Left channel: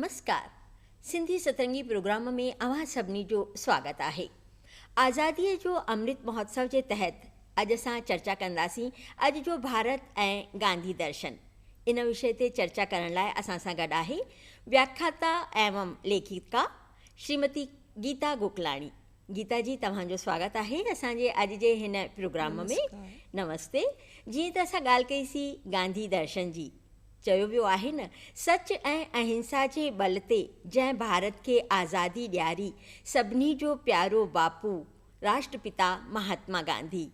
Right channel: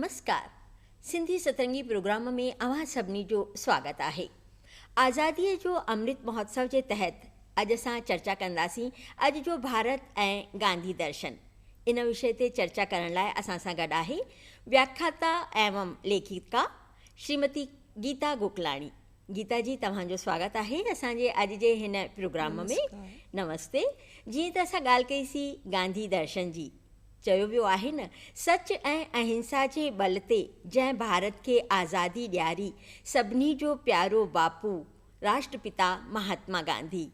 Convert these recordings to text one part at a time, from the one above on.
नमस्कार। सिंधी सतरंगी प्रोग्राम में अवां सभिनी जो स्वागत है। आज़ादी जो अमृत महोत्सव के तहत अज असां चर्चा कंदासीं अज जो भारत ऐं गांधी दर्शन। इन विषय ते चर्चा करण लाइ असां सां गॾु आहे व्याख्याता एवं लेखिका श्रीमती गीता गोकलाणी। गीता जी, तव्हांजो स्वागत आहे असांजे अॼु जे हिन प्रोग्राम में। नमस्ते। जीअं त असां ॻाल्हि कईसीं गांधी दर्शन जी, चयो वियो आहे न, सच ऐं अहिंसा जे बल ते जंहिं भारत खे आज़ादी ॾियारी, सभिनी जो प्यारो बापू राष्ट्रपिता महात्मा गांधी।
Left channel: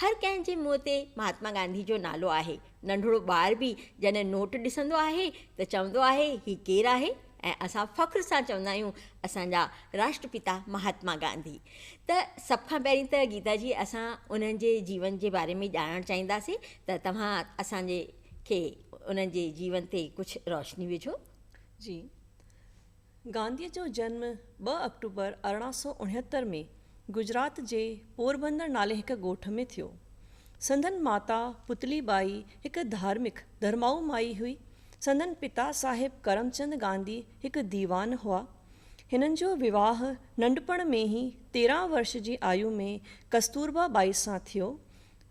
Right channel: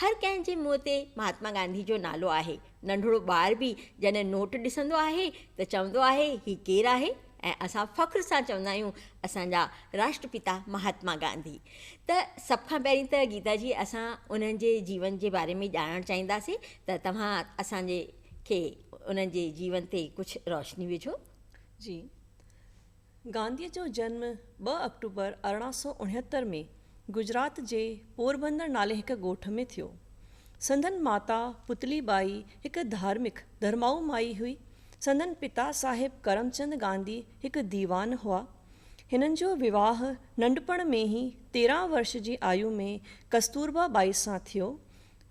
हर कंहिं जे मुंहं ते महात्मा गांधी जो नालो आहे। नंढड़ो ॿार बि जॾहिं नोट ॾिसंदो आहे त चवंदो आहे ही केरु आहे, ऐं असां फ़ख्र सां चवंदा आहियूं असांजा राष्ट्रपिता महात्मा गांधी। त सभ खां पहिरीं त गीता जी, असां उन्हनि जे जीवन जे बारे में ॼाणणु चाहींदासीं, त तव्हां असांजे खे उन्हनि जे जीवन ते कुझु रोशनी विझो। जी, गांधीअ जो जन्म 2 अक्टूबर 1869 में गुजरात जे पोरबंदर नाले हिकु ॻोठ में थियो। संदन माता पुतली बाई हिकु धार्मिक धर्माऊ माई हुई। संदन पिता साहिब करमचंद गांधी हिकु दीवान हुआ। हिननि जो विवाह नंढपण में ही 13 वर्ष जी आयु में कस्तूरबा बाई सां थियो।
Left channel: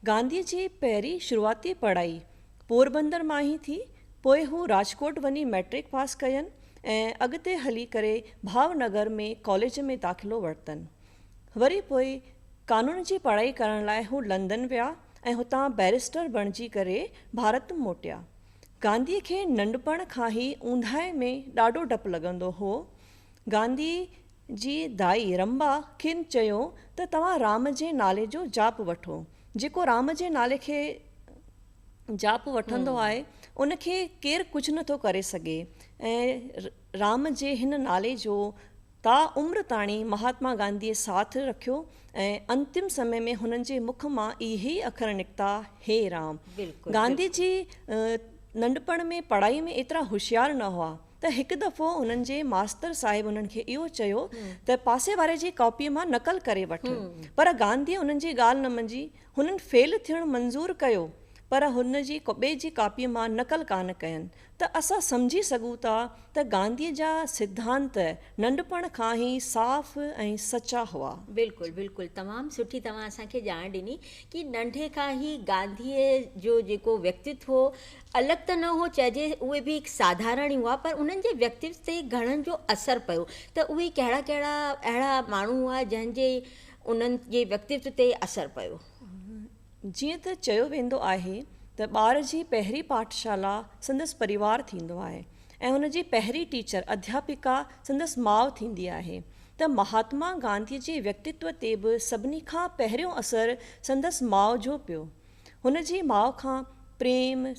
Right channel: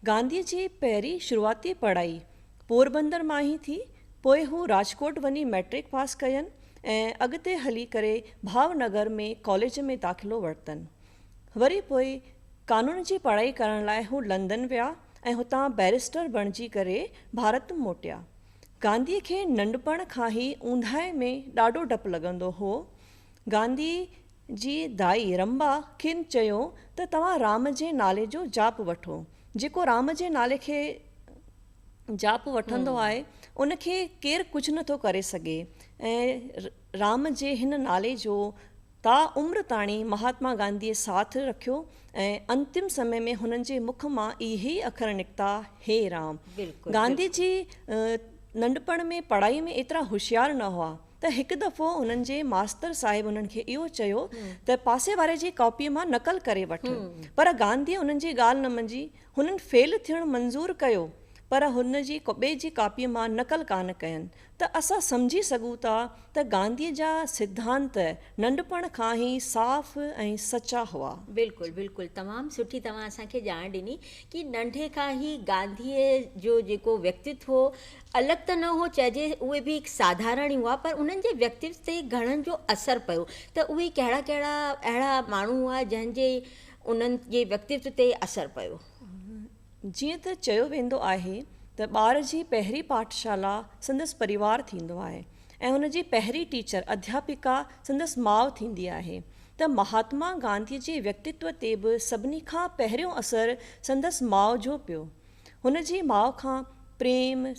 गांधीअ जी पहिरीं शुरूआती पढ़ाई पोरबंदर मां ही थी। पोइ हू राजकोट वञी मैट्रिक पास कयनि ऐं अॻिते हली करे भावनगर में कॉलेज में दाख़िलो वरितनि। वरी पोइ कानून जी पढ़ाई करण लाइ हू लंदन विया ऐं हुतां बैरिस्टर बणिजी करे भारत मोटिया। गांधीअ खे नंढपण खां ई ऊंधाए में ॾाढो डपु लॻंदो हो। गांधी जी दाई रंबा खेनि चयो त तव्हां राम जे नाले जो जाप वठो। जेको राम जे नाले खे जाप वठंदो आहे उनखे केरु कुझु नथो करे सघे, ऐं राम जे हिन नाले जो ता उम्र ताणी महात्मा गांधीअ साथ रखियो ऐं अंतिम समय में हुननि जे मुख मां इहे अखर निकिता, हे राम। गांधी जी नंढपण में पढ़ाई में एतिरा होशियारु न हुआ त हिकु दफ़ो उन्हनि जे मास्तर साहिब उन्हनि खे इहो चयो त पासे वारे जी कॉपीअ मां नकल करे वठ। पर गांधीअ उन्हनि जी ॻाल्हि न मंझी। हुननि फेल थियणु मंज़ूरु कयो, पर हुन जी ॿिए जी कापीअ मां नकल कान कयनि। त असां सम्झी सघूं था त गांधीअ जा सिद्धांत नंढपण खां ई साफ़ ऐं सचा हुआ। बिल्कुलु बिल्कुलु, तमामु सुठी तव्हां असांखे ॼाण ॾिनी कि नंढे खां ई गांधीअ जो जेको व्यक्तित्व हो, अलॻि त न हो चइजे, उहे बि हिकु साधारण ई हुआ, पर उन्हनि जे व्यक्तित्व ते घणनि जो असरु पियो। त उहे कहिड़ा कहिड़ा अहिड़ा माण्हू हुआ जंहिंजे उन्हनि जे व्यक्तित्व ते असरु पियो? जीअं त चयो वेंदो आहे त ॿार जी पहिरीं पाठशाला संदसि परिवार थींदो आहे ऐं हुन जी पहिरीं टीचर अध्यापिका संदसि माउ थींदी आहे। त महात्मा गांधी जे व्यक्तित्व ते बि सभिनी खां पहिरियों असरु संदसि माउ जो पियो। हुन जी माउ खां प्रेम,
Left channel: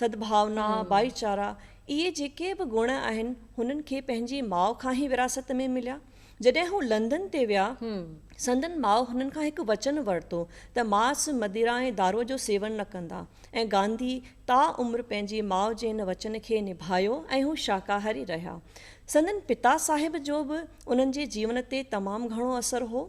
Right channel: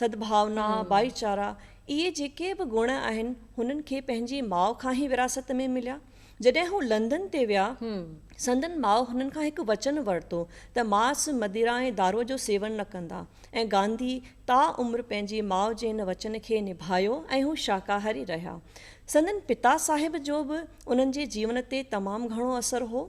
सद्भावना, भाईचारा, इहे जेके बि गुण आहिनि हुननि खे पंहिंजी माउ खां ई विरासत में मिलिया। जॾहिं हू लंदन ते विया, संदन माउ हुननि खां हिकु वचन वरितो त मांस, मदिरा ऐं दारूअ जो सेवन न कंदा, ऐं गांधी ता उम्र पंहिंजी माउ जे हिन वचन खे निभायो ऐं हू शाकाहारी रहिया। संदन पिता साहिब जो बि उन्हनि जे जीवन ते तमामु घणो असरु हो।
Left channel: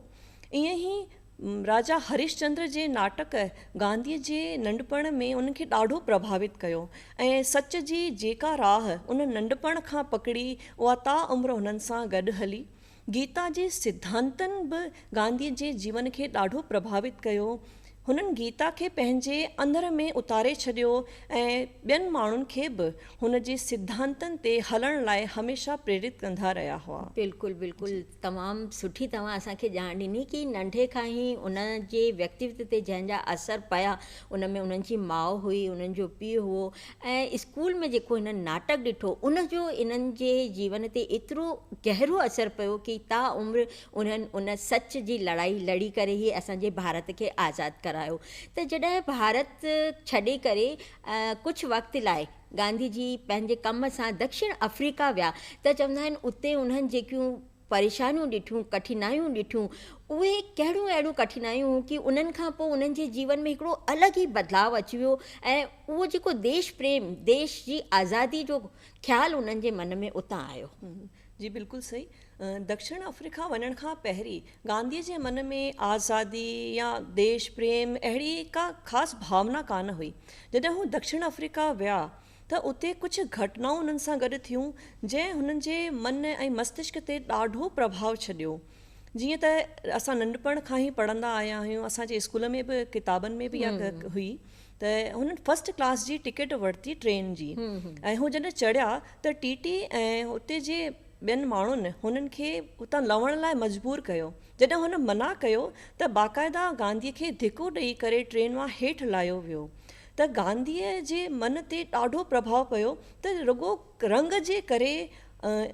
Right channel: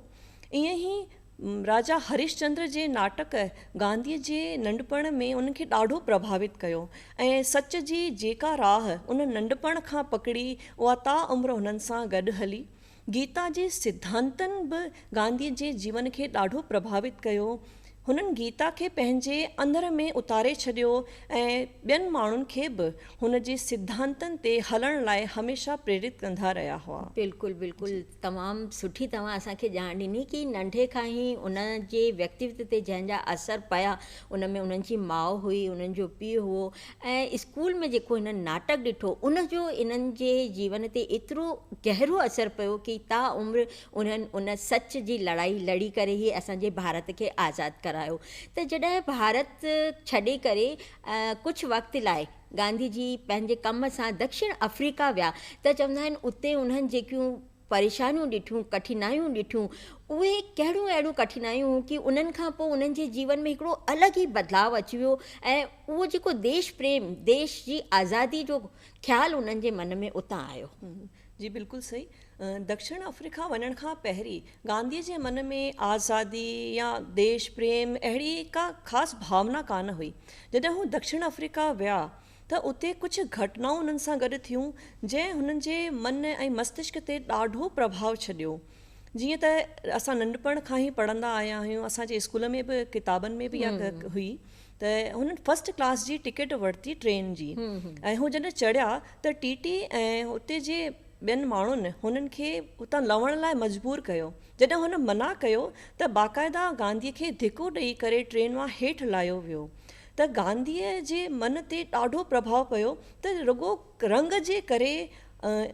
ईअं ई राजा हरिश्चंद्र जे नाटक गांधीअ जे नंढपण में उन्हनि खे ॾाढो प्रभावित कयो, ऐं सच जी जेका राह उन नंढपण खां पकड़ी उहा ता उम्र हुननि सां गॾु हली। गीता जे सिद्धांतनि बि गांधीअ जे जीवन खे ॾाढो प्रभावित कयो। हुननि गीता खे पंहिंजे अंदर में उतारे छॾियो ऐं ॿियनि माण्हुनि खे बि हुन जे सिद्धांतनि ते हलण लाइ हमेशह प्रेरित कंदा रहिया हुआ। बिल्कुलु बिल्कुलु, तमामु सुठी तव्हां असांखे ॼाण ॾिनी कि नंढे खां ई उन जे व्यक्तित्व ते जंहिंजा असर पिया, उन में उन्हनि जी माउ हुई, उन्हनि जो पीउ हुओ, ऐं स्कूल में जेको हिननि नाटक ॾिठो उनजो इन्हनि जे जीवन ते एतिरो गहरो असरु पियो कि ता उम्र उन्हनि उन सच जी लड़ाई लड़ी करे ई असांजे भारत खे आज़ादु करायो। त जॾहिं भारत छॾे करे कुझु वक़्त लाइ गांधी जी पंहिंजे कम सां दक्षिण अफ्रीका विया, त चवंदा आहिनि उते उन्हनि जेकियूं परेशानियूं ॾिठियूं, कठिनाइयूं ॾिठियूं, उहे कहिड़ियूं अहिड़ियूं कठिनाइयूं कि उन्हनि खां पोइ उन्हनि जे जीवन में हिकिड़ो अलॻि ई बदिलाव अची वियो, ऐं उहो जेको देश प्रेम, देश जी आज़ादी जो ख़्यालु उन्हनि जे मन में उतां आयो। जी बिल्कुलु सही। दक्षिण अफ्रीका वञण खां पहिरीं गांधीअ जे मन में आज़ादी या देश प्रेम अहिड़ी का ख़ासि भावना कान हुई। जॾहिं हू दक्षिण अफ्रीका विया त उते कुझु घटनाऊं उन्हनि सां गॾु थियूं जंहिं हुननि जे मन ऐं मस्तिष्क ते ॾाढो प्रभाव छॾियो। जीअं त असां नंढपण खां ई पढ़ंदा आया आहियूं, असांजे स्कूल में बि किताबनि में बि इहा हुई त हुननि फस्ट क्लास जी टिकट वरिती ट्रेन जी, ऐं हू जॾहिं चढ़िया त टीटी ऐं उते जे ॿियनि माण्हुनि हुननि खे उतां लहण लाइ मजबूर कयो। जॾहिं हुन मना कयो त बाक़ाइदा गांधीअ खे धिको ॾेई करे ट्रेन मां हेठि लाहियो वियो। त गांधीअ जे मन ते ॾाढो प्रभाव पियो त रुॻो रंग जे करे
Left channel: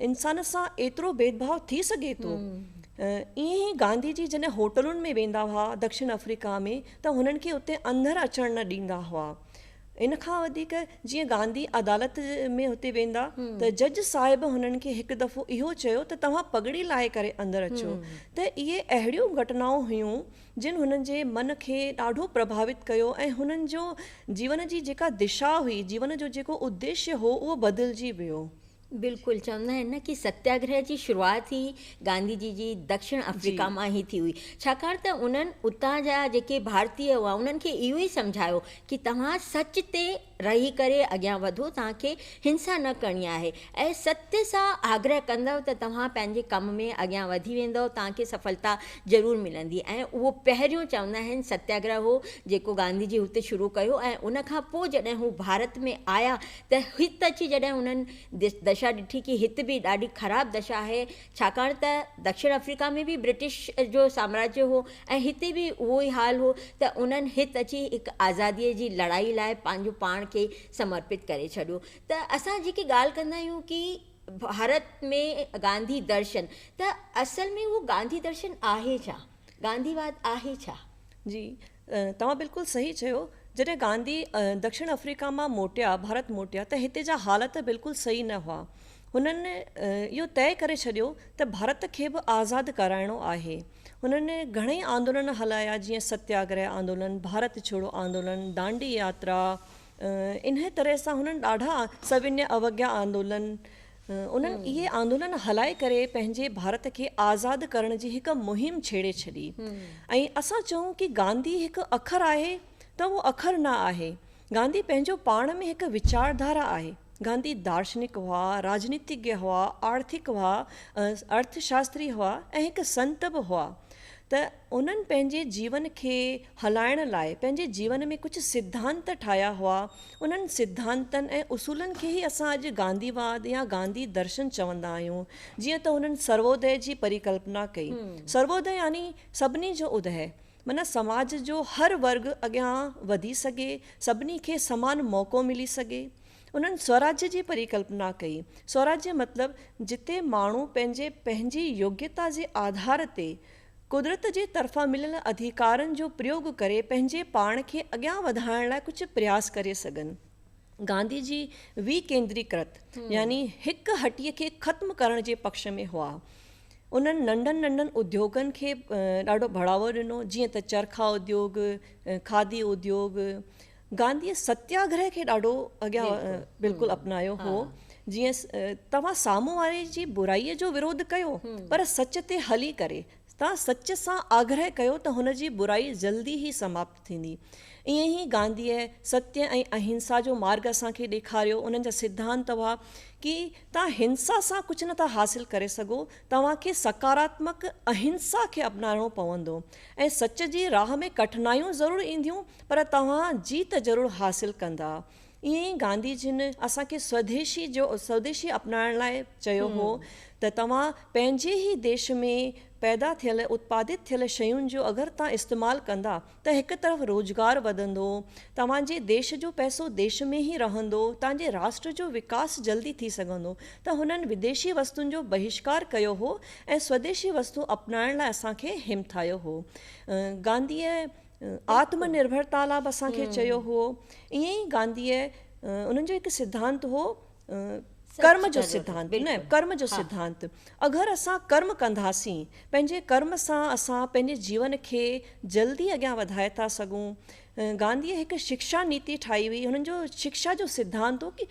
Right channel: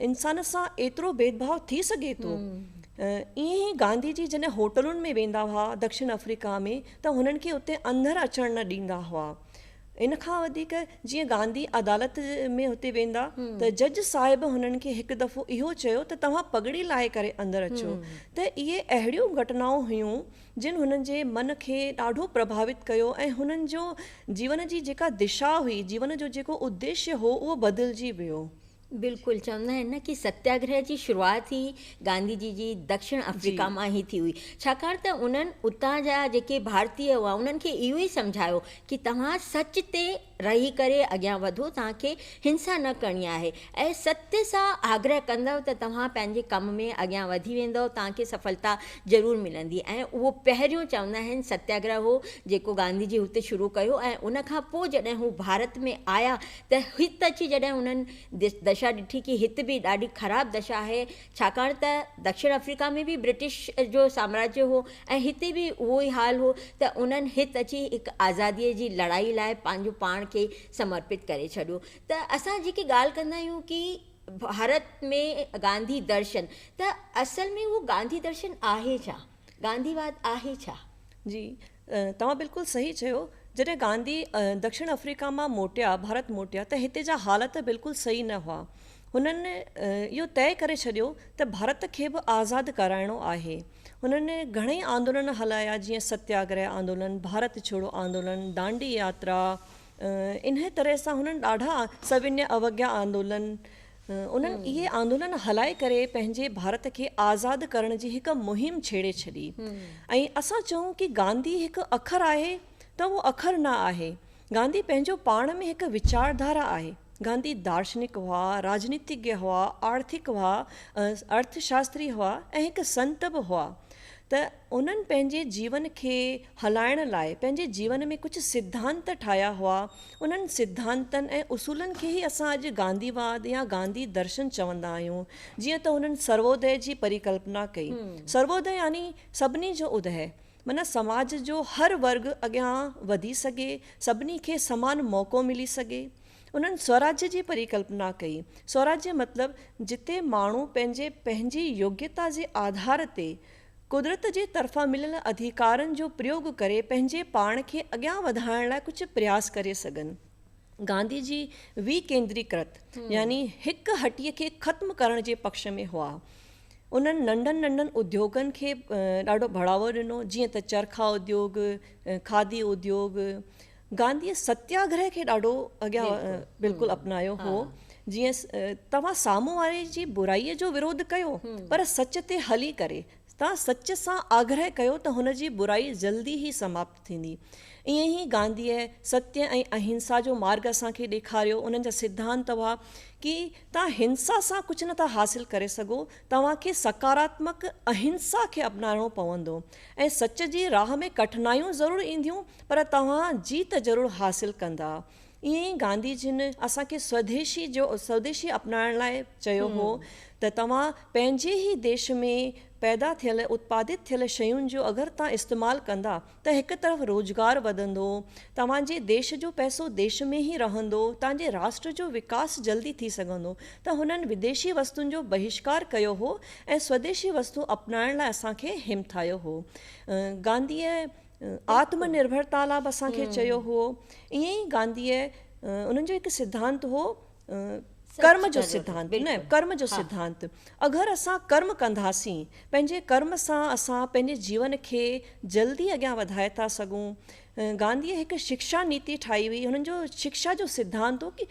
इंसान सां एतिरो भेदभाव थी सघे थो। ईअं ई गांधी जी जॾहिं होटलुनि में वेंदा हुआ दक्षिण अफ्रीका में त हुननि खे उते अंदरि अचणु न ॾींदा हुआ। इन खां वधीक जीअं गांधी अदालत में हुते वेंदा त जज साहिब हुननि खे हिकु दफ़ो इहो चयो त तव्हां पगड़ी लाहे करे अंदरि अचो। त इहे अहिड़ियूं घटनाऊं हुयूं जिन हुननि जे मन खे ॾाढो प्रभावित कयो ऐं हुननि जो जीवन जी जेका दिशा हुई, जीवन जो जेको उद्देश्य हो, उहो बदिलजी वियो। बिल्कुलु, चवंदा आहिनि न कि सत्याग्रह जी शुरूआति ई गांधी जी दक्षिण अफ्रीका मां ई थी हुई, छाकाणि त उन्हनि उतां जा जेके भारतीय हुआ उन्हनि खे इहो ई सम्झायो कि तव्हां सच ते रही करे अॻियां वधो, तव्हांखे हिंसा न करणी आहे ऐं सत्य सां आग्रह कंदव त तव्हां पंहिंजे कम में अॻियां वधी वेंदव, तव्हांखे सफलता ज़रूरु मिलंदी। ऐं उहो पहिरियों चवंदा आहिनि सत्याग्रह हो जेको गांधी जी हुते शुरू कयो, ऐं उन खां पोइ जॾहिं हू भारत में आया त हिते अची जॾहिं उन्हनि दशा ॾिठी कि हिते बि ॾाढी ख़राबु दशा आहे, छाकाणि त दक्षिण अफ्रीका में बि ब्रिटिश जो साम्राज्य हो ऐं हिते बि उहो ई हाल हो, त उन्हनि हिते अची हिकु आज़ादीअ जी लड़ाई लाइ पंहिंजो पाण खे समर्पित करे छॾियो। त असां जेकी ॻाल्हि कंदा आहियूं कि भारत में गांधी दर्शन, त असल में उहो गांधी दर्शन आहे छा, गांधीवाद आहे छा? जी, तव्हां बिल्कुलु सही चयो। जॾहिं गांधी दक्षिण अफ्रीका मां मोटिया, भारत मोटिया, त हिते जा हालत बिल्कुलु सही न हुआ। हुननि इहो तय करे छॾियो त भारत खे बि आज़ादु कराइणो आहे। हुननि घणेई आंदोलन हलाया, जीअं सत्याग्रह आंदोलन, भारत छोड़ो आंदोलन, दांडी यात्रा, इन तरह सां हुननि ॾाढा सविन्य अवज्ञा आंदोलन, उन्हनि इहे आंदोलन हलाए करे पंहिंजे भारत खे आज़ादु करण जी हिकु मुहिम छेड़े छॾी। ऐं असां चऊं कि गांधी हिकु अखर आहे त उहो अखर न आहे। गांधी पंहिंजो पाण में हिकु विचारधारा आहे। गांधी दार्शनिक हुआ, राजनीतिज्ञ हुआ, आर्थिक हुआ, अर्थशास्त्री हुआ ऐं हिकु संत बि हुआ। त उन्हनि पंहिंजे जीवन खे हलाइण लाइ पंहिंजे जीवन में कुझु सिद्धांत ठाहिया हुआ। उन्हनि सिद्धांतनि ऐं उसूलनि खे ई असां अॼु गांधीवाद या गांधी दर्शन चवंदा आहियूं। जीअं त हुननि सर्वोदय जी परिकल्पना कई। सर्वोदय यानी सभिनी जो उदय, माना समाज जो हर वर्ग अॻियां वधी सघे, सभिनी खे समान मौक़ो मिली सघे। उन्हनि स्वराज्य जी परिकल्पना कई। स्वराज्य मतिलबु जिते माण्हू पंहिंजी योग्यता जे आधार ते कुदरत जे तरफ़ां मिलियल अधिकारनि जो प्रयोग करे पंहिंजे पाण खे अॻियां वधाइण लाइ कुझु प्रयास करे सघनि। गांधी जी विकेंद्रीकृत यानी हिकु हटीअ खे ख़त्म करण जे पक्ष में हुआ। उन्हनि नंढनि उद्योगनि खे ॾाढो बढ़ावो ॾिनो, जीअं त चरखा उद्योग, खादी उद्योग। गांधीअ सत्याग्रह खे ॾाढो अॻियां बिल्कुलु अपनायो हो। जीअं तव्हां साम्हूं वारे जी बुराईअ जो विरोध कयो, पर सच ते हली करे तव्हां सच सां आग्रह कयो त हुन जी बुराई जल्दी ई समाप्त थींदी। ईअं ई गांधीअ सत्य ऐं अहिंसा जो मार्ग असांखे ॾेखारियो। उन्हनि जा सिद्धांत हुआ कि तव्हां हिंसा सां कुझु नथा हासिल करे सघो, तव्हांखे सकारात्मक अहिंसा खे अपनाइणो पवंदो ऐं सच जी राह में कठिनायूं ज़रूरु ईंदियूं, पर तव्हां जीत ज़रूरु हासिल कंदा। ईअं ई गांधी जिन असांखे स्वदेशी अपनाइण लाइ चयो हो त तव्हां पंहिंजे ई देश में पैदा थियल उत्पादित थियल शयुनि जो अगरि तव्हां इस्तेमालु कंदा त हिकु तरफ़ रोज़गार वधंदो, तव्हांजे देश जो पैसो देश में ई रहंदो, तव्हांजे राष्ट्र जो विकास जल्दी थी सघंदो। त हुननि विदेशी वस्तुनि जो बहिष्कार कयो हो ऐं स्वदेशी वस्तु अपनाइण लाइ असांखे हिमथायो हो। गांधीअ आत्मनिर्भरता लाइ बि असांखे चयो हो। ईअं ई गांधीअ उन्हनि जो हिकु सिद्धांत हो कर्म जो सिद्धांत, कर्म जो सिद्धांत। अगरि असां कर्म कंदासीं, पंहिंजे कर्म सां असां पंहिंजे जीवन खे जल्दी अॻियां वधाए था सघूं। गांधीअ हिकु शिक्षा नीति ठाही हुई। हुननि जो शिक्षा जो सिद्धांत हो कि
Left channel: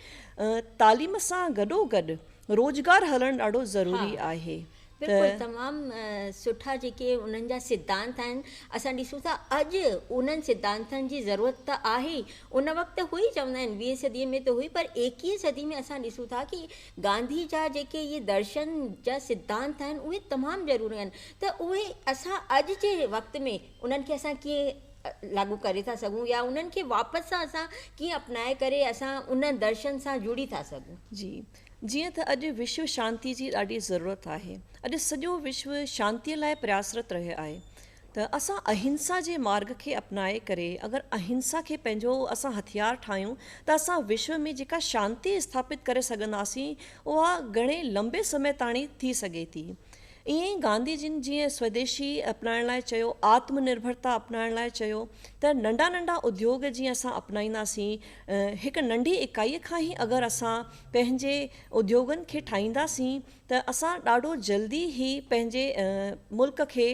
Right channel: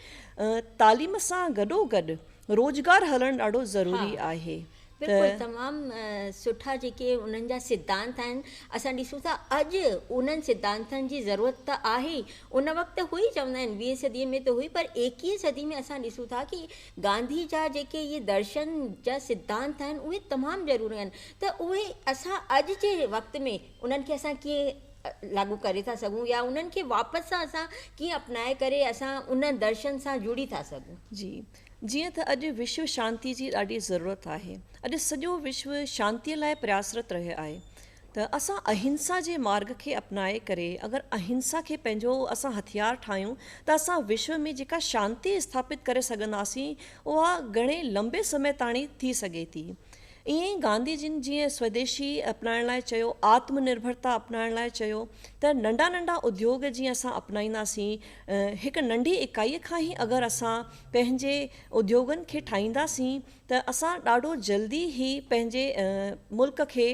तालीम सां गॾोगॾु रोज़गार हलणु ॾाढो ज़रूरी आहे। बिल्कुलु तमामु सुठा जेके उन्हनि जा सिद्धांत आहिनि असां ॾिसूं था अॼु उन्हनि सिद्धांतनि जी ज़रूरत त आहे उन वक़्तु हुई चवंदा आहिनि 20 सदीअ में त हुई पर 21 सदी में असां ॾिसूं था कि गांधी जा जेके इहे दर्शन जा सिद्धांत आहिनि उहे तमामु ज़रूरी आहिनि त उहे असां अॼु जे वक़्त में उन्हनि खे असां कीअं लागू करे था सघूं या उन्हनि खे वापसि सां असां कीअं अपनाए करे असां उन दर्शन सां जुड़ी था सघूं। जी, जीअं त अॼु विश्व शांति जी ॾाढी ज़रूरत आहे। अॼु सॼो विश्व शांतीअ लाइ प्रयासरत रहियो आहे त असां अहिंसा जे मार्ग खे अपनाए करे अगरि अहिंसा खे पंहिंजो असां हथियार ठाहियूं त असां विश्व में जेका शांती स्थापित करे सघंदासीं उहा घणे लंबे समय ताणी थी सघे थी। ईअं ई गांधी जिन जीअं स्वदेशी अपनाइण लाइ चयो, आत्मनिर्भरता अपनाइण लाइ चयो त नंढा नंढा उद्योग जीअं असां अपनाईंदासीं हिकु नंढी इकाईअ खां ई अगरि असां पंहिंजे उद्योगनि खे ठाहींदासीं त असां ॾाढो जल्दी ई पंहिंजे मुल्क खे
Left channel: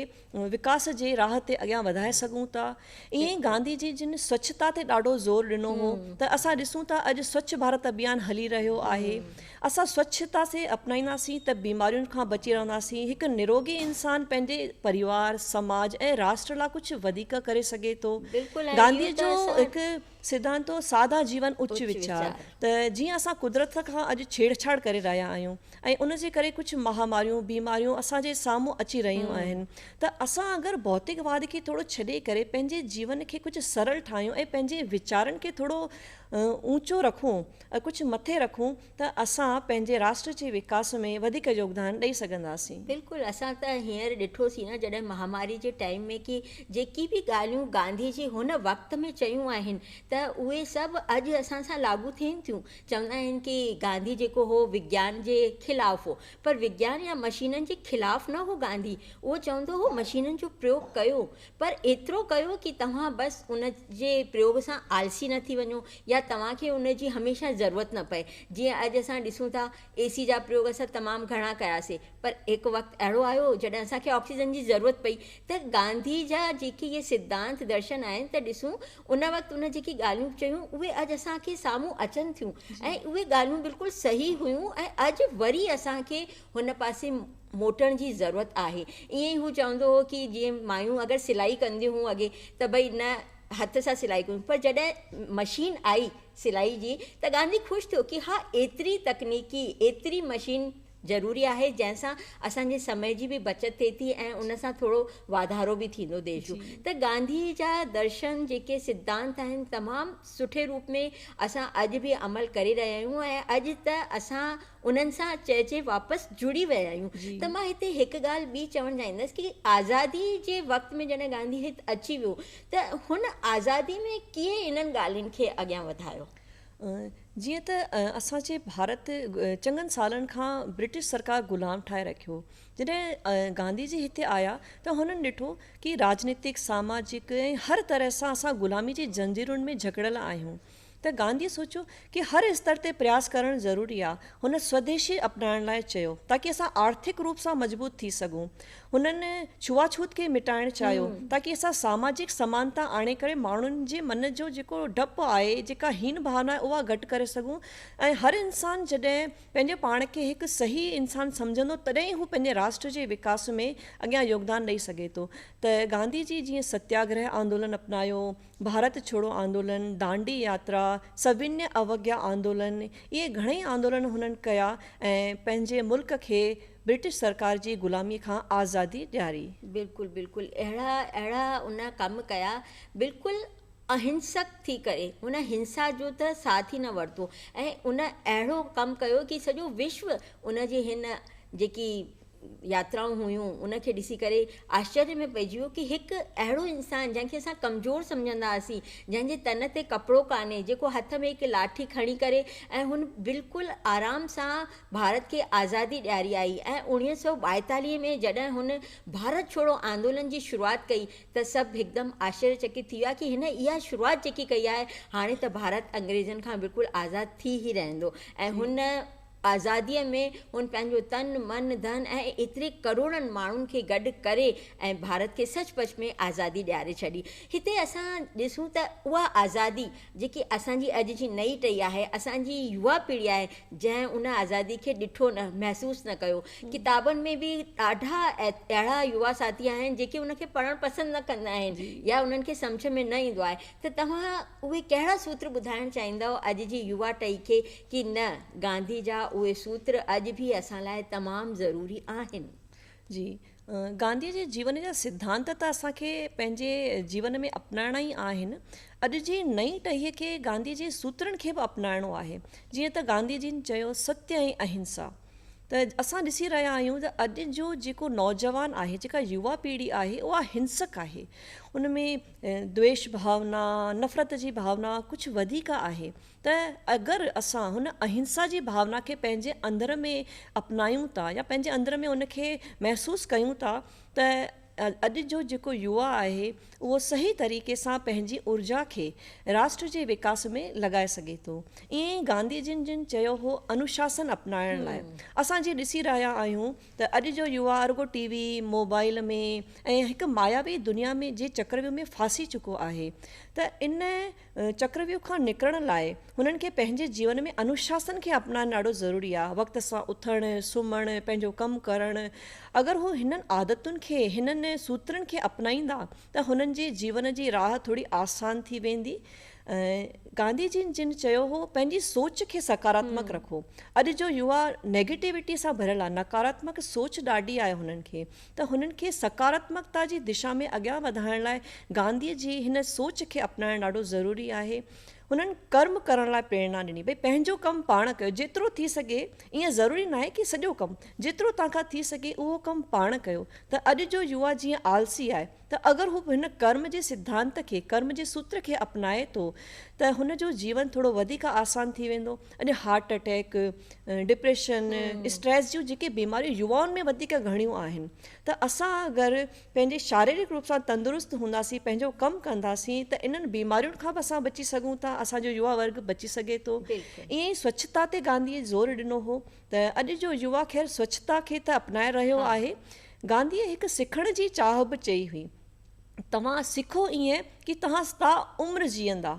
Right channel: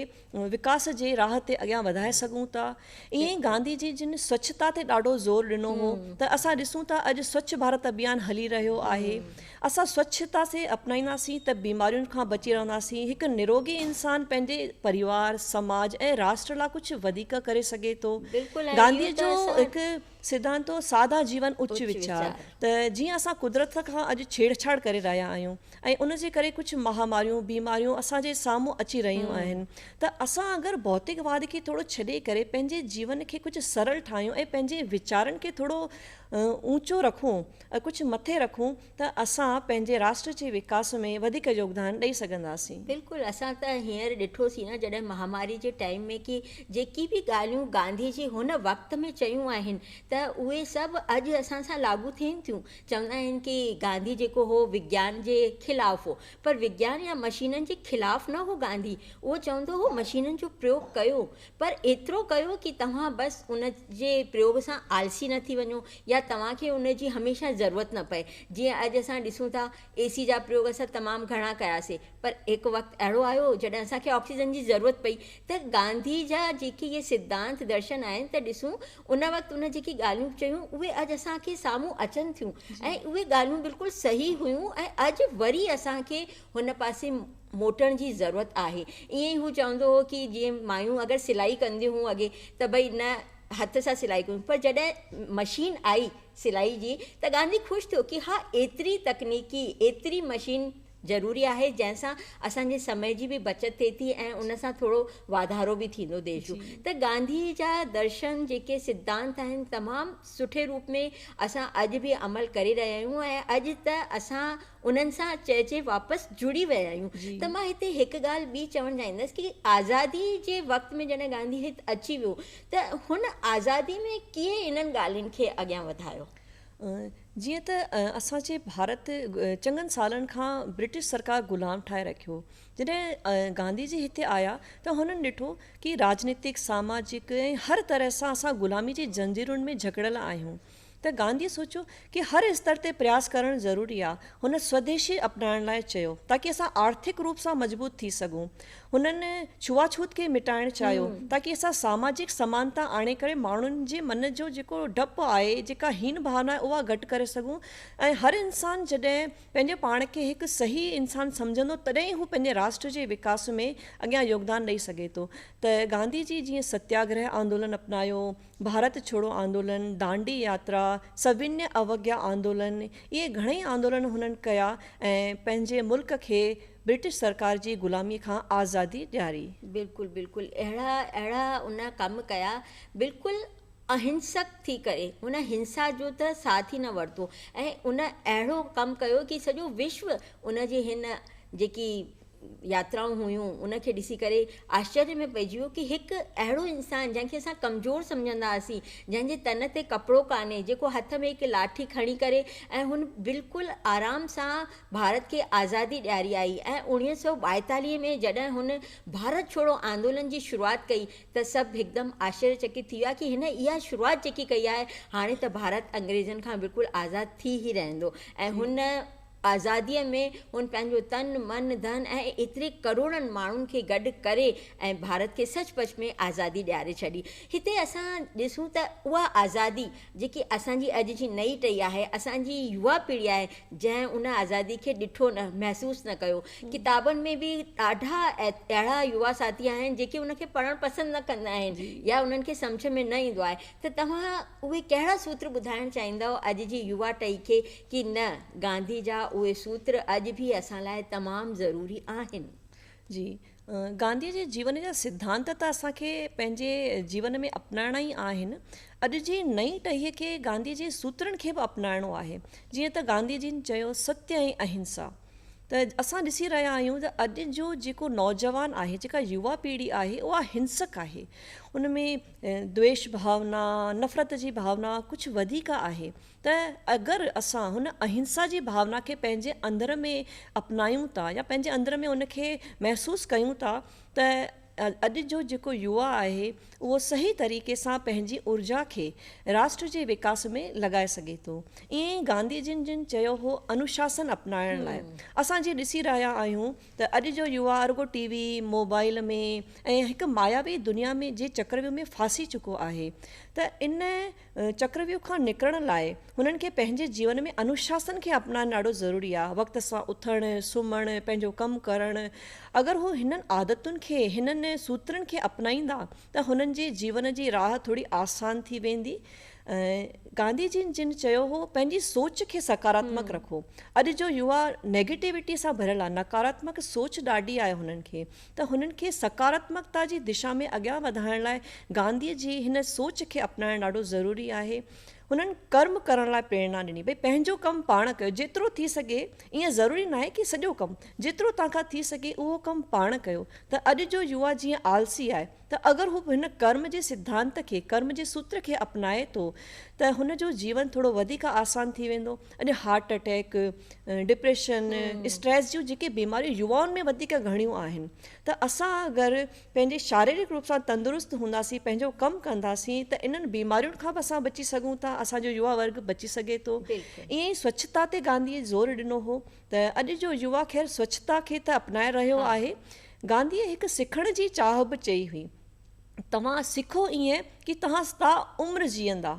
विकास जे राह ते अॻियां वधाए सघूं था। ईअं ई गांधी जी जिन स्वच्छता ते ॾाढो ज़ोर ॾिनो हो त असां ॾिसूं था अॼु स्वच्छ भारत अभियान हली रहियो आहे। असां स्वच्छता से अपनाईंदासीं त बीमारियुनि खां बची रहंदासीं। हिकु निरोगी इंसान पंहिंजे परिवार समाज ऐं राष्ट्र लाइ कुझु वधीक करे सघे थो। गांधी जो हिकु सिद्धांत हो सादा जीवन उच्च विचार त जीअं असां कुदरत खां अॼु छेड़छाड़ करे रहिया आहियूं ऐं उन जे करे कुझु महामारियूं बीमारियूं असांजे साम्हूं अची रहियूं आहिनि त असां अगरि भौतिकवाद खे थोरो छॾे करे पंहिंजे जीवन खे कुझु सरल ठाहियूं ऐं पंहिंजे वीचारनि खे थोरो ऊचो रखूं कुझु मथे रखूं त असां पंहिंजे राष्ट्र जे विकास में वधीक योगदान ॾेई सघंदासीं। बिल्कुलु असां त हींअर ॾिठोसीं न जॾहिं महामारी जे टाइम में कि जेकी बि ॻाल्हियूं गांधी जी हुन वक़्त में चयूं आहिनि त उहे सभु अॼु असां सां लागू थियनि थियूं। चवंदा आहिनि कि गांधी जेको हो विज्ञान जे ख़िलाफ़ु हो पर विज्ञान या मशीननि जे ख़िलाफ़ु न हो गांधी। उहो चवंदो हो मशीननि जो प्रयोग कयो पर एतिरो कयो कि तव्हां बसि उन जे प्रयोग सां आलसी न थी वञो या तव्हांखे उन जी हमेशह ज़रूरत न पए। जीअं अॼु असां ॾिसूं था AC जा प्रयोग असां तमामु घणा कयासीं पर हिकु वक़्तु अहिड़ो आयो जॾहिं असांखे ऑक्सीजन जी ज़रूरत पई त गांधी जा जेके इहे सिद्धांत दर्शन आहिनि त ॾिसूं उन वक़्तु उन जेकी ॻाल्हियूं चयूं उहे अॼु असांखे साम्हूं अचनि थियूं ऐं उहे ॻाल्हियूं बिल्कुलु सही हुयूं ऐं अॼु वरी असांखे हुन पासे मोटण जी ज़रूरत आहे। ईअं ई हू चवंदो हो कि जीअं मायूं अगरि सिलाई कंदियूं हुयूं अॻे त भई न हथ सां सिलाई कयूं पर जॾहिं मशीन आई सिलाई जी त गांधी ख़ुशि थियो कि हा एतिरी तकनीकी एतिरी मशीन ज़रूरी आहे जंहिंसां असांजे समय जी बि बचति थिए थी ऐं उन सां थोरो वाधारो बि थींदो देश जो। त गांधी जा दर्शन जेके सिद्धांत आहिनि तमामु सुठे रूप में असां अॼु बि अमल करे रहिया आहियूं ऐं अॼु त असां उन्हनि सां चइजे वापसि जुड़ी विया आहियूं। त मां हिते हिकु ॻाल्हि ॿी चवणु चाहींदसि कि आज़ादी जे वक़्त में जॾहिं गांधी हिते अची वियो त हुन आज़ादी में कीअं इन्हनि ॻाल्हियुनि खे अॻियां वधायो? जीअं त असांजे भारत चङनि सालनि खां ब्रिटिश सरकार ग़ुलाम ठाहे रखियो। जॾहिं गांधी जी हिते आया त हुननि ॾिठो कि राजनीतिक सामाजिक ऐं हर तरह सां असां ग़ुलामी जी जंजीरुनि में जकड़ियल आहियूं त गांधी सोचियो कि हर स्तर ते प्रयास करणु ज़रूरी आहे। हुन स्वदेशी अपनाइण लाइ चयो ताकि असां आर्थिक रूप सां मजबूत थी सघूं। हुननि छुआछूत खे मिटाइणु चाहियो ताकि असां सामाजिक समानता आणे करे माण्हुनि जे मन जो जेको डपु आहे जेका हीन भावना आहे उहा घटि करे सघूं ऐं हर इंसान जॾहिं पंहिंजे पाण खे हिकु सही इंसान सम्झंदो तॾहिं ई हू पंहिंजे राष्ट्र जे विकास में अॻियां योगदान ॾेई सघे थो। त गांधी जी जीअं सत्याग्रह आंदोलन अपनायो, भारत छोड़ो आंदोलन, दांडी यात्रा, सविन्य अवज्ञा आंदोलन, इहे घणेई आंदोलन हुननि कया ऐं पंहिंजे मुल्क खे ब्रिटिश सरकार जी ग़ुलामी खां आज़ादी ॾियारी। बिल्कुलु बिल्कुलु अहिड़ा उन कमु कया बिल्कुलु अहिंसक थी करे हुन हिंसा जो त साथ ई न वरितो ऐं उन अहिड़ो कमु कयो कि सॼो विश्व उन जी हिन जेकी यात्राऊं हुयूं उनखे ॾिसी करे आश्चर्य में पइजी वियो कि हिकु अहिड़ो इंसानु जंहिंखे असां कमज़ोर सम्झंदा हुआसीं, जंहिंजे तन ते कपिड़ो कान्हे, जेको हथ में हिकु लाठी खणी करे ऐं हुन बिल्कुलु आराम सां भारत खे आज़ादी ॾियारी आई। ऐं 1942 में जॾहिं हुन भारत छोड़ो आंदोलन जी शुरूआति कई त सभु हिकदमि आश्चर्यचकित थी विया कि हिन इहा शुरूआति जेकी कई आहे हाणे त भारत अंग्रेज़नि खां बिल्कुलु आज़ादु थी ई रहंदो। ऐं हुन आज़ादीअ में हुन पंहिंजो तन मन धन ऐं एतिरे करोड़नि माण्हुनि खे गॾु करे ऐं भारत खे सचपच में आज़ादी ॾियारे छॾी। हिते असां ॾिसूं त उहा आज़ादी जेकी असांजी अॼु जी नई टही आहे, असांजी युवा पीढ़ी आहे जंहिं उन आज़ादी खे ॾिठो न, महसूसु न कयो। किताबनि में बि ॾाढा अहिड़ा युवा साथी आहिनि जेके उनखे पढ़णु पसंदि न कंदा आहिनि या उन्हनि खे सम्झ में न ईंदो आहे। त तव्हां उहे कहिड़ा सूत्र ॿुधाइणु चाहींदव अॼु जी युवा टही खे कि न, गांधी जा उहे सूत्र अॼु बि असां लाइ तमामु ज़रूरी आहिनि? जी, गांधीअ जे जीवन जा सिद्धांत त असांखे पंहिंजे जीवन में अपनाइणा ई आहिनि। अॼु जी नई टहीअ खे गांधी जे सूत्रनि खे बि अपनाइणो आहे। जीअं त गांधी जिन चयो, सत्य ऐं अहिंसा। त असां ॾिसी रहिया आहियूं त अॼु जो जेको नौजवान आहे, जेका युवा पीढ़ी आहे, उहा हिंसक आहे। उन में द्वेष भावना, नफ़रत जी भावना कुझु वधीक आहे। त अगरि असां हुन अहिंसा जी भावना खे पंहिंजे अंदर में अपनायूं था या पंहिंजे अंदर में उनखे महसूसु कयूं था, त अॼु जो जेको युवा आहे उहो सही तरीक़े सां पंहिंजी ऊर्जा खे राष्ट्र जे विकास में लॻाए सघे थो। ईअं गांधी जिन चयो हो, अनुशासन अपनाइण लाइ। असां जे ॾिसी रहिया आहियूं त अॼु जो युवा रुगो टीवी, मोबाइल में ऐं हिकु मायावी दुनिया में जे चक्रव्यूह में फासी चुको आहे। त इन चक्रव्यूह खां निकिरण लाइ हुननि खे पंहिंजे जीवन में अनुशासन खे अपनाइणु ॾाढो ज़रूरी आहे। वक़्त सां उथणु, सुम्हणु, पंहिंजो कमु करणु। अगरि हू हिननि आदतुनि खे, हिननि सूत्रनि खे अपनाईंदा त हुननि जे जीवन जी राह थोरी आसान थी वेंदी। गांधी जिन चयो हो, पंहिंजी सोच खे सकारात्मक रखो। अॼु जो युवा नेगेटिविटी सां भरियल आहे, नकारात्मक सोच ॾाढी आहे हुननि खे। त हुननि खे सकारात्मकता जी दिशा में अॻियां वधाइण लाइ गांधीअ जी हिन सोच खे अपनाइणु ॾाढो ज़रूरी आहे। हुननि कर्म करण लाइ प्रेरणा ॾिनी, भई पंहिंजो कमु पाण कयो, जेतिरो थी सघे। ईअं ज़रूरी न आहे कि सॼो कमु, जेतिरो तव्हांखां थी सघे उहो कमु पाण कयो। त अॼु जो युवा जीअं आलसी आहे, त अगरि हू हिन कर्म जे सिद्धांत खे, कर्म जे सूत्र खे अपनाए थो, त हुन जो जीवन थोरो वधीक आसान थी वेंदो। अॼु हार्ट अटैक, डिप्रेशन, स्ट्रेस जूं जेके बीमारियूं युवाउनि में वधीक घणियूं आहिनि। त असां अगरि पंहिंजे शारीरिक रूप सां तंदुरुस्त हूंदासीं, पंहिंजो कमु कंदासीं, त इन्हनि बीमारियुनि खां बि असां बची सघूं था, असांजो युवा वर्ग बची सघे थो। ईअं ई स्वच्छता ते गांधीअ ज़ोर ॾिनो हो। त अॼु जो युवा ख़ैर स्वच्छता खे त अपनाए रहियो आहे। गांधीअ हिकु सिखण जी चाह बि चई हुई, तव्हां सिखो ईअं कि तव्हां सा उमिरि जीअंदा,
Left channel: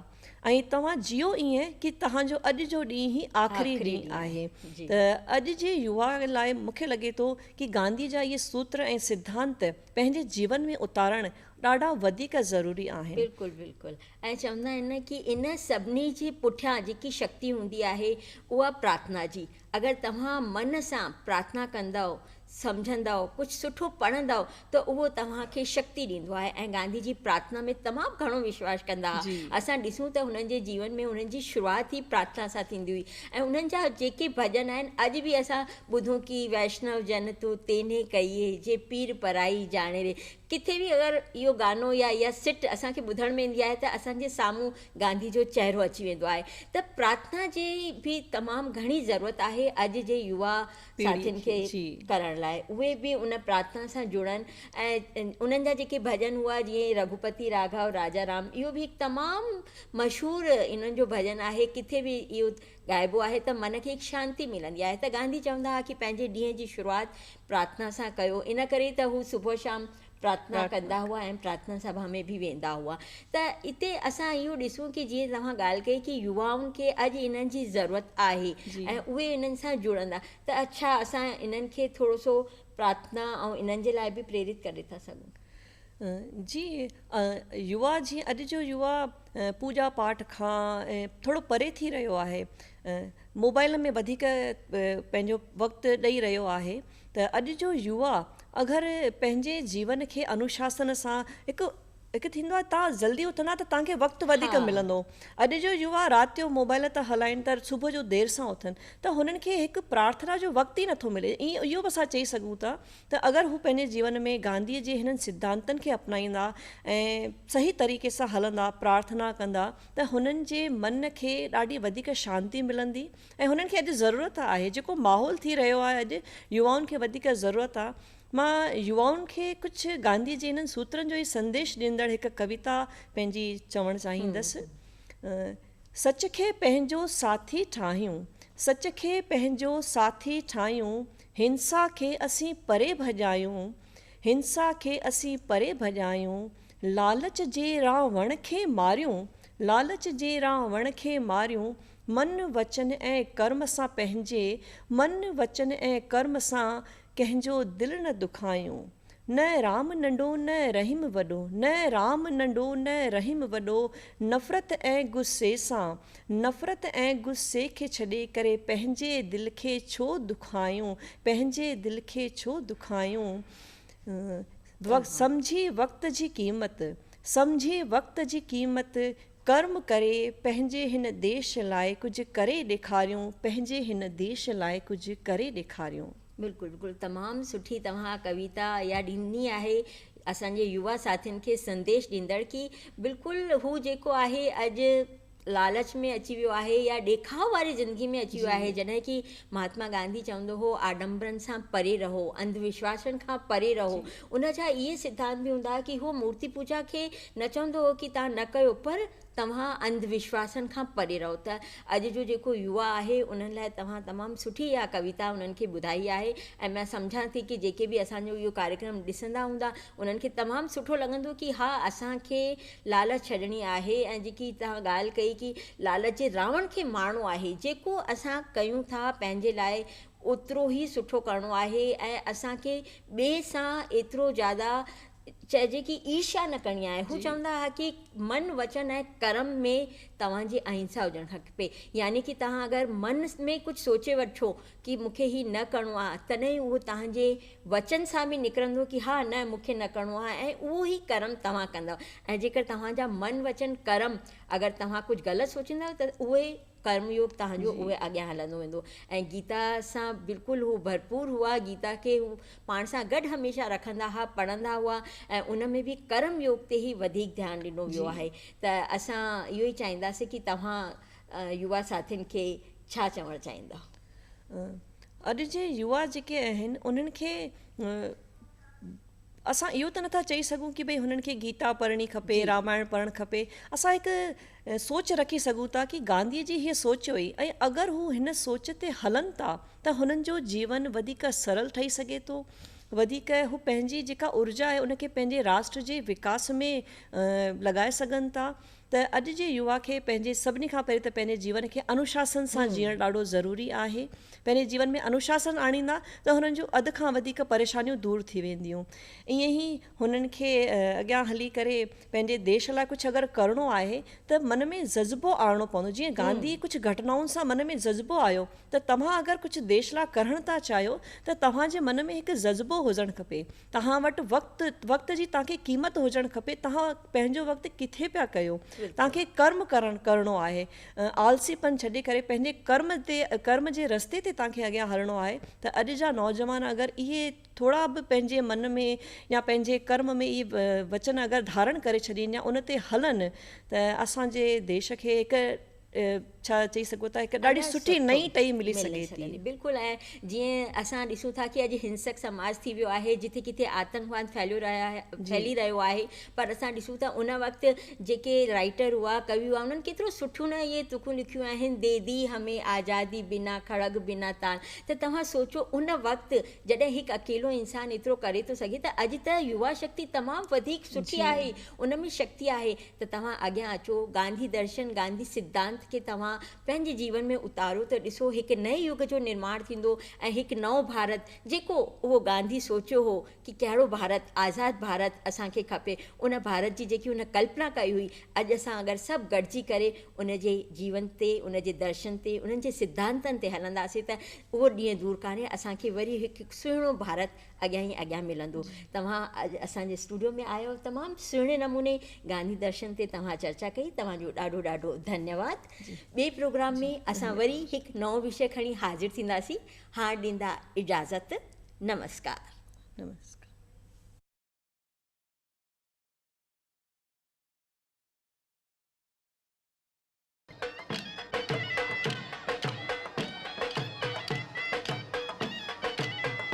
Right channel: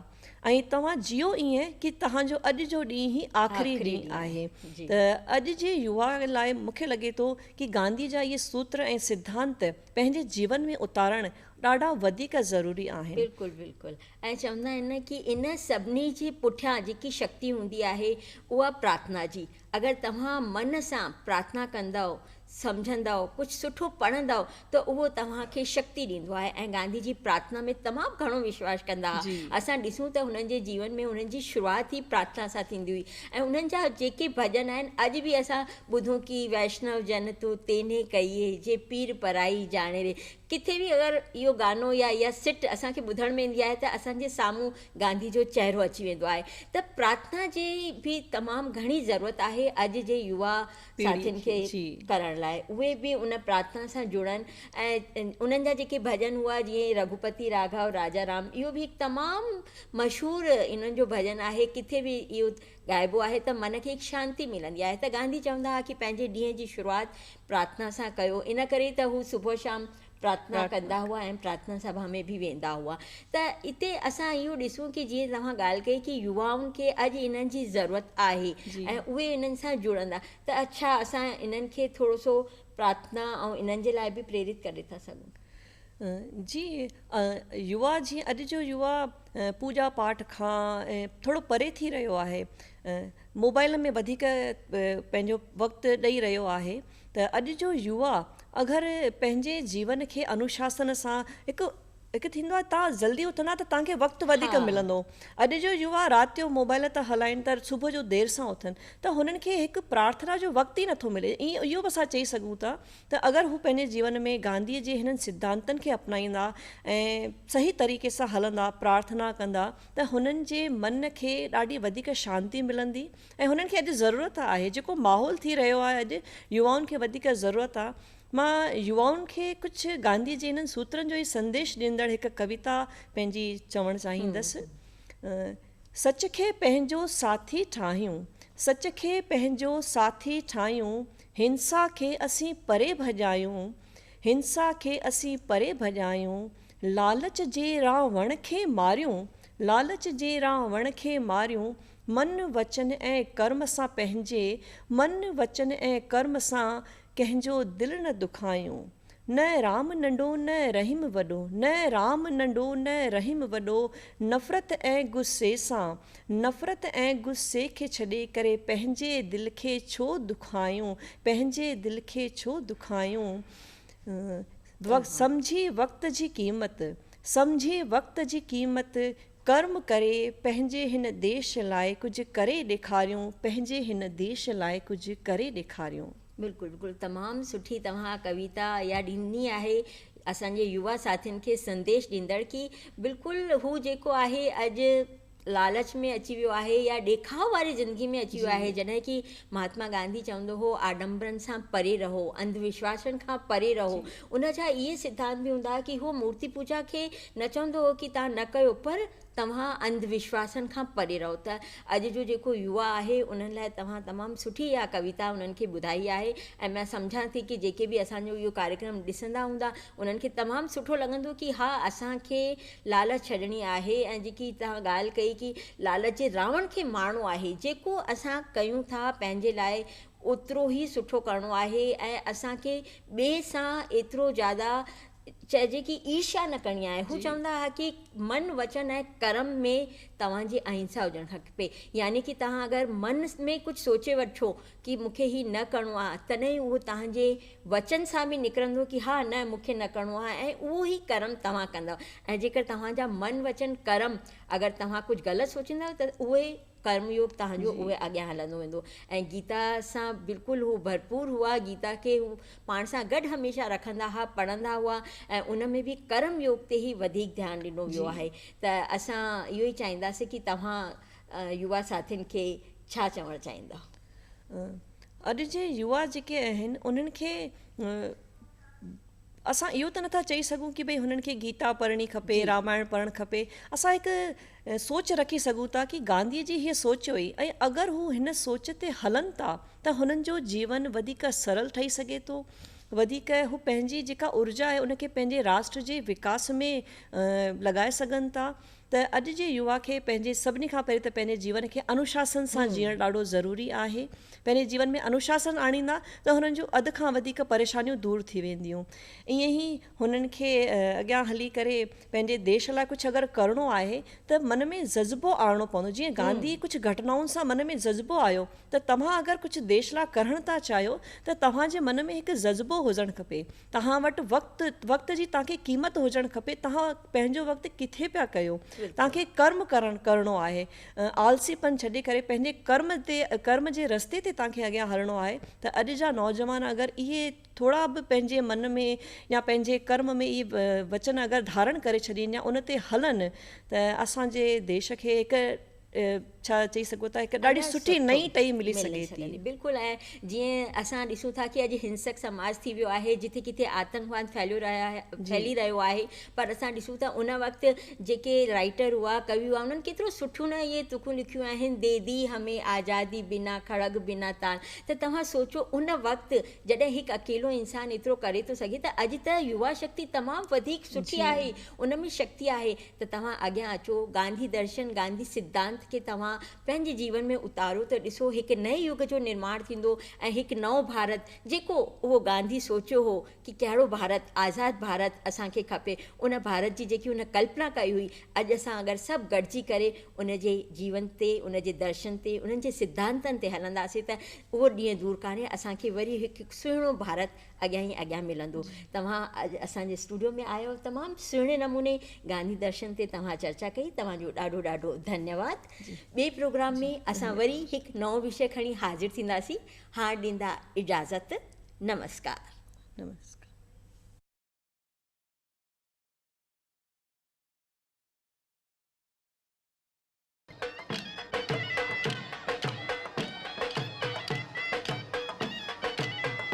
ऐं तव्हां जियो ईअं कि तव्हांजो अॼु जो ॾींहुं ई आख़िरी ॾींहुं आहे। त अॼु जे युवा लाइ मूंखे लॻे थो कि गांधी जा इहे सूत्र ऐं सिद्धांत पंहिंजे जीवन में उतारणु ॾाढा वधीक ज़रूरी आहिनि। बिल्कुलु बिल्कुलु। ऐं चवंदा आहिनि कि इन सभिनी जे पुठियां जेकी शक्ति हूंदी आहे उहा प्रार्थना जी। अगरि तव्हां मन सां प्रार्थना कंदव, सम्झंदव, कुझु सुठो पढ़ंदव, त उहो तव्हांखे शक्ति ॾींदो आहे। ऐं गांधी जी प्रार्थना में तमामु घणो विश्वास कंदा हुआ। असां ॾिसूं त हुननि जे जीवन में हुननि जी शुरूआति ई प्रार्थना सां थींदी हुई। ऐं उन्हनि जा जेके भॼन आहिनि, अॼु बि असां ॿुधूं कि वैष्णव जन तूं तेने कईए जे पीर पराई जाने रे। किथे बि अगरि इहो गानो या इहा सिट असांखे ॿुधण में ईंदी आहे त असांजे साम्हूं गांधी जो चहिरो अची वेंदो आहे। त प्रार्थना जी बि तमामु घणी ज़रूरत आहे अॼु जे युवा साथियुनि खे करण लाइ। उहे बि उन प्रार्थना सां जुड़नि। ऐं उन्हनि जा जेके भॼन हुआ, जीअं रघुपति राघव राजा राम, इहो बि हिकु तमामु मशहूरु इन्हनि जो भॼन आहे। किथे बि इहो ॻाइबो आहे त मन खे हिकु शांती मिलंदी आहे। त गांधी चवंदा हुआ कि पंहिंजे ॾींहं जी शुरूआति प्रार्थना सां कयो। इन करे त हू सुबुह शाम प्रार्थना कंदा हुआ ऐं प्रार्थना सभा में बि वेंदा हुआ। त हिते असां इहो ॾिसूं कि जीअं तव्हां ॻाल्हि कई कि युवाउनि खे अॼु इन्हनि जी ज़रूरत आहे ऐं उहे इन्हनि सां जुड़ंदा। त अच्छा, असां इन्हनि खे थोरो सो प्रार्थना ऐं इन्हनि जे लाइ बि प्रेरित करे था सघूं। जी, युवा जीअं अॼु जो युवा पूजा पाठ खां थोरो परे थी रहियो आहे, मोबाइल में वधीक पंहिंजो वक़्तु ॾेई रहियो आहे। त अॼु जो युवा अगरि पंहिंजे जीवन खे अनुशासन सां हिकु थींदो आहे, तव्हां जल्दी उथंदा त तव्हांखे वक़्तु वधीक मिलंदो। अॼु जो युवा राति जो मोबाइल था हलाइनि था, सुबुह जो देरि सां उथनि, त हुननि खे हिकु प्रार्थना जो वक़्तु ई नथो मिले। इहो बि असां चई सघूं था त अगरि हू पंहिंजे जीवन में गांधीअ जे हिननि सिद्धांतनि खे अपनाईंदा ऐं सही तरीक़े सां हलंदा, प्रार्थना कंदा, त हुननि जे मन खे ॾाढी वधीक शांती मिलंदी। ऐं हुननि खे अॼु ज़रूरत आहे, जेको माहौल थी रहियो आहे अॼु, युवाउनि खे वधीक ज़रूरत आहे। मां युवाउनि खे कुझु गांधी जे हिननि सूत्रनि जो ई संदेश ॾींदड़ हिकु कविता पंहिंजी चवणु चाहींदसि। सच खे पंहिंजो साथी ठाहियूं, सच खे पंहिंजो साथी ठाहियूं, हिंसा खे असीं परे भॼायूं, हिंसा खे असीं परे भॼायूं, लालच जे रावण खे मारियूं, लालच जे रावण खे मारियूं, मन वचन ऐं कर्म सां पंहिंजे, मन वचन ऐं कर्म सां कंहिंजो दिलि न दुखायूं। न राम नंढो न रहीम वॾो, न राम नंढो न रहीम वॾो, नफ़रत ऐं गुस्से सां, नफ़रत ऐं गुस्से खे छॾे करे पंहिंजे दिलि खे छो दुखायूं, पंहिंजे दिलि खे छो दुखायूं। सम्झी वक़्त जी क़ीमत, सम्झी वक़्त जी क़ीमत, कर्म करे पंहिंजे हिन देश लाइ कुझु करे ॾेखारियूं, पंहिंजे हिन देश लाइ कुझु करे ॾेखारियूं। बिल्कुलु बिल्कुलु तमामु सुठी तव्हां कविता या ॾिनी आहे असांजे युवा साथियुनि खे संदेश ॾींदड़ की बिल्कुलु हू जेको आहे अॼु लालच में अची वियो आहे या ॾेखाव वारी ज़िंदगी में अची वियो आहे। जॾहिं की महात्मा गांधी चवंदो हो आडंबरनि सां परे रहो, अंधविश्वासनि खां परे रहो। उन जा इहे सिद्धांत बि हूंदा की हो मूर्ति पूजा खे न चवंदो हो की तव्हां न कयो, पर तव्हां अंधविश्वासनि खां परे रहो। त अॼु जो जेको युवा आहे उन्हनि लाइ तव्हां तमामु सुठी इहा कविता उन्हनि खे ॿुधाई आहे ऐं मां सम्झां थी की जेके बि असांजो इहो कार्यक्रम ॾिसंदा हूंदा उन्हनि खे तमामु सुठो लॻंदो की हा असांखे लालच छॾणी आहे। ऐं जेकी तव्हां ॻाल्हि कई की लालच जे रावण खे मारणो आहे, जेको असां कयूं था पंहिंजे लाइ ओतिरो ई सुठो करिणो आहे ऐं असांखे ॿिए सां एतिरो ज़्यादा चइजे की ईर्ष्या न करणी आहे। हू चवंदा हुआ की मन वचन ऐं कर्म में तव्हांजी अहिंसा हुजणु खपे, यानी की तव्हां अगरि मन में कुझु सोचे वठो की मूंखे ही न करिणो आहे तॾहिं उहो तव्हांजे वचन सां बि निकिरंदो की हा न मूंखे न करिणो आहे ऐं उहो ई कर्म तव्हां कंदव। ऐं जेकर तव्हांजा मन वचन कर्म अगरि तव्हां कुझु ग़लति सोचींदव त उहे कर्मयोग तव्हांजो उहे अॻियां हलंदो वेंदो। ऐं गीता सां बिल्कुलु हू भरपूर हुआ, गीता खे हू पाण सां गॾु हमेशह रखंदा हुआ, पढ़ंदा हुआ ऐं उन में बि कर्मयोग ते ई वधीक ध्यानु ॾिनो वियो आहे। त असां इहो ई चाहींदासीं की तव्हां युवा साथियुनि खे छा चवणु चाहींदा? अॼु जे युवा जेके आहिनि उन्हनि खे असां इहो त नथा चई सघूं की भई हुननि खे गीता पढ़णी खपे, रामायण पढ़णु खपे। असां हिकु सोच रखी सघूं था की गांधीअ जी हीअ सोच हुई ऐं अगरि हू हिन सोच ते हलनि था त हुननि जो जीवन वधीक सरल ठही सघे थो, वधीक हू पंहिंजी जेका ऊर्जा आहे उनखे पंहिंजे राष्ट्र जे विकास में लॻाए सघनि था। त अॼु जे युवा खे पंहिंजे सभिनी खां पहिरीं त पंहिंजे जीवन खे अनुशासन सां जीअणु ॾाढो ज़रूरी आहे। पंहिंजे जीवन में अनुशासन आणींदा त हुननि जो अधु खां वधीक परेशानियूं दूरि थी वेंदियूं। ईअं ई हुननि खे अॻियां हली करे पंहिंजे देश लाइ कुझु अगरि करिणो आहे त मन में जज़्बो आणणो पवंदो। जीअं गांधी कुझु घटनाउनि सां मन में जज़्बो आयो त तव्हां अगरि कुझु देश लाइ करणु था चाहियो त तव्हांजे मन में हिकु जज़्बो हुजणु खपे, तव्हां वटि वक़्त जी तव्हांखे क़ीमत हुजणु खपे। तव्हां पंहिंजो वक़्तु किथे पिया कयो, तव्हांखे कर्म करिणो आहे, आलसीपन छॾे करे पंहिंजे कर्म जे रस्ते ते तव्हांखे अॻियां हलणो आहे। त अॼु जा नौजवान अगरि इहे थोरा बि पंहिंजे मन में या पंहिंजे कर्म में इहे वचन अगरि धारण करे छॾीनि या उन ते हलनि त असांजे देश खे हिकु छा चई सघो था हिकु ॾाढी सुठी नई टही मिली सघे थी। बिल्कुलु। ऐं जीअं असां ॾिसूं था की अॼु हिंसक समाज थी वियो आहे, जिथे किथे आतंकवाद फैली रहियो आहे, पर असां ॾिसूं था उन वक़्तु जेके राइटर हुआ, कवि हुआ, उन्हनि केतिरो सुठो न इहे तुखूं लिखियूं आहिनि, दे दी हमें आज़ादी बिना खड़ग बिना तान। त तव्हां सोचो उन वक़्तु जॾहिं हिकु अकेलो इंसानु एतिरो करे थो सघे त अॼु त युवा शक्ति तमामु वधीक सुठी आहे, उन में शक्ति आहे। त तव्हां अॻियां अचो, गांधी दर्शन, गांधी सिद्धांत खे तव्हां पंहिंजे जीवन में उतारो त ॾिसो हिकु नए युग जो निर्माण थींदो ऐं हिकु नओं भारत जेको उहो गांधी सोचियो हो कि कहिड़ो भारत, आज़ादु भारत असांखे खपे, उन भारत जी जेकी उन कल्पना कई हुई, अॼु असां अगरि सभु गॾिजी करे उन जे जीवन ते, उन जे दर्शन ते, उन्हनि जे सिद्धांतनि ते हलंदासीं त उहो ॾींहुं दूरि कान्हे, असांखे वरी हिकु सुहिणो भारत अॻियां ई अॻियां मिलंदो। तव्हां असांजे स्टूडियो में आयो, तमामु सुहिणे नमूने गांधी दर्शन ते तव्हां चर्चा कई, तव्हांजो ॾाढो ॾाढो धन्यवाद। ॿिए प्रोग्राम में असां वरी हिकु नओं विषय खणी हाज़िर थींदासीं। हाणे ॾींदा इजाज़त। नमस्कार।